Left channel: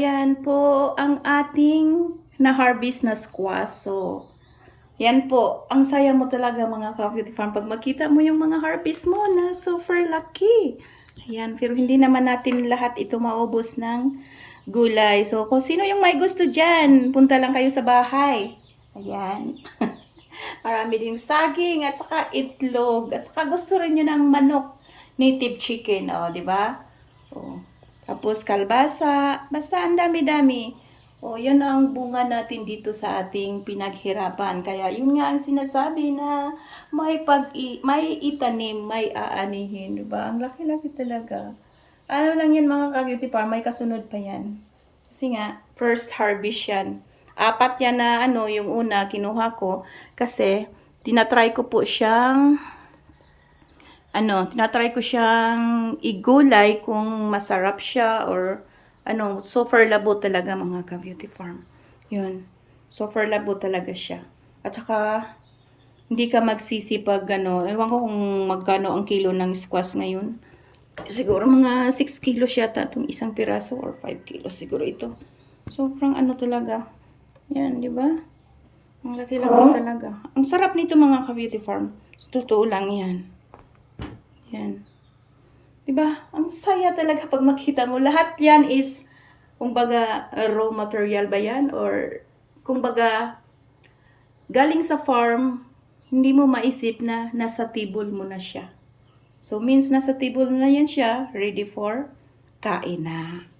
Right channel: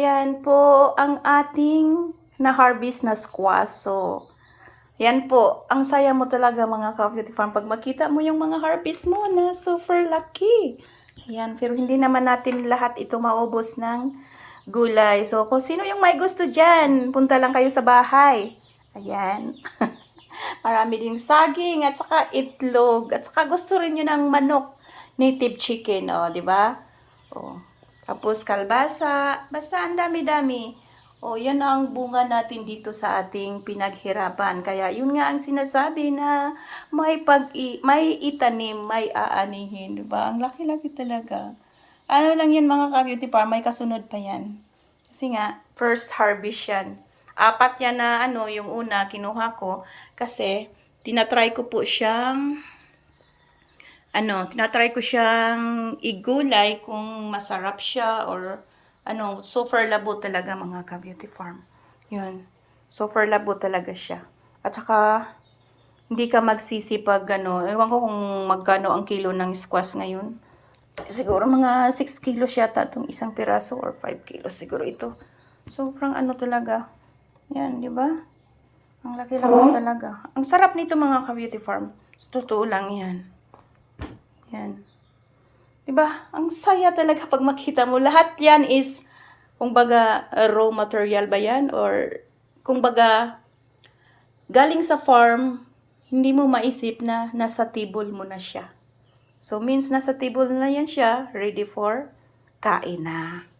Yan po ang ating na-harvest na squash. So, yan po. Ang saya mo talaga mga ka-beauty farm pag makita mo yung mga harvest mo na super lucky. Ayan, pero hindi naman natin lahat ito maubos ng gulay. So, kung sino yung may gusto dyan, punta lang kayo sa bahay. Ayan. Marami ding saging at saka itlog. At saka gusto rin nyo ng manok. Native chicken, o, di ba? O. Tapos kalbasa. Basta ang dami-dami. O, yun ang bunga natin dito sa ating pinaghirapan. Kaya yun nga ang sinasabi na may itanim, may aanihin. Diba? Ang laki-laki talaga. Ano lang yan mga ka-beauty farm, may kasunod pa yan. Kasi nga, first harvest yan. 4 yan na yung una kinuha ko. Kasi, tinatry ko siyang igulay kung masarap siya or super labo talaga mga ka-beauty farm. Yun. Super labo talaga siya. At saka, hindi ka magsisi pag ewan ko kung magkano ang kilo ng squash ngayon. Siguro mga 6 kilos yata itong isang piraso or 5 kilos siguro ito. Sobrang talaga. Yan, di ba? Ang laki-laki talaga. Ang sarap nito mga ka-beauty farm. Totoo lang yan. Yan. Diba? Ang saya talaga pag makita mo. Lahat yan is, kumbaga, raw material ba yan? Or, kumbaga, galing sa farm, hindi mo maisip na nasa table mo na siya. So, means nasa table na yan siya, ready for kain na.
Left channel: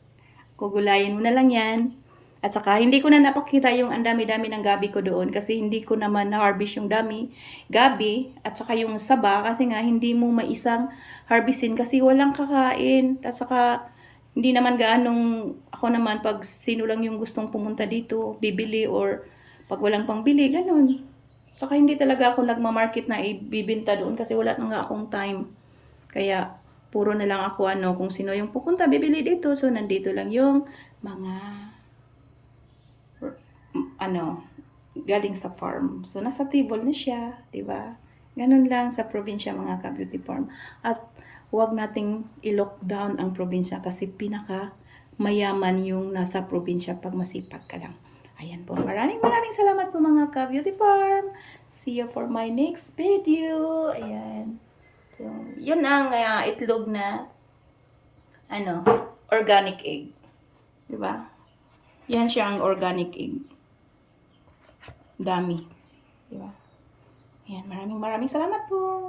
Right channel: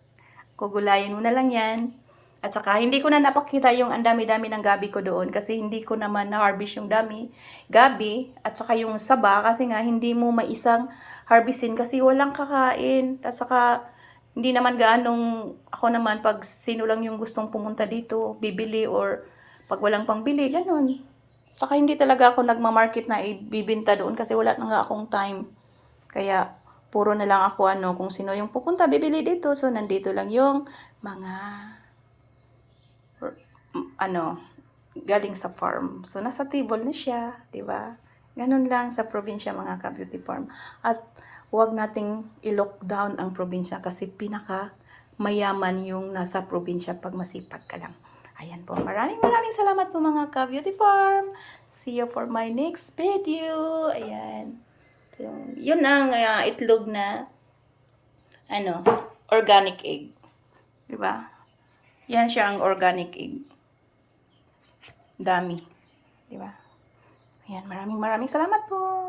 Kugulayin mo na lang yan. At saka, hindi ko na napakita yung ang dami-dami ng gabi ko doon kasi hindi ko naman na-harvest yung gabi, at saka yung saba kasi nga hindi mo maisang harvestin kasi walang kakain. At saka, hindi naman gaanong, ako naman pag sino lang yung gustong pumunta dito, bibili or pag walang pangbili, ganun. At saka, hindi talaga ako nagmamarket na ibibinta doon kasi wala na nga akong time. Kaya, puro na lang ako kung sino yung pupunta, bibili dito. So, nandito lang yung mga galing sa farm. So, nasa table na siya, di ba? Ganun lang sa probinsya mga ka-beauty farm. At huwag nating i-lockdown ang probinsya kasi pinaka mayaman yung nasa probinsya pag masipag ka lang. Ayan po. Maraming salamat po mga ka-beauty farm. See you for my next video. Ayan. So, yun ang itlog na organic egg. Di ba? Yan siya ang organic egg. Dami. Di ba? Ayan, maraming salamat po.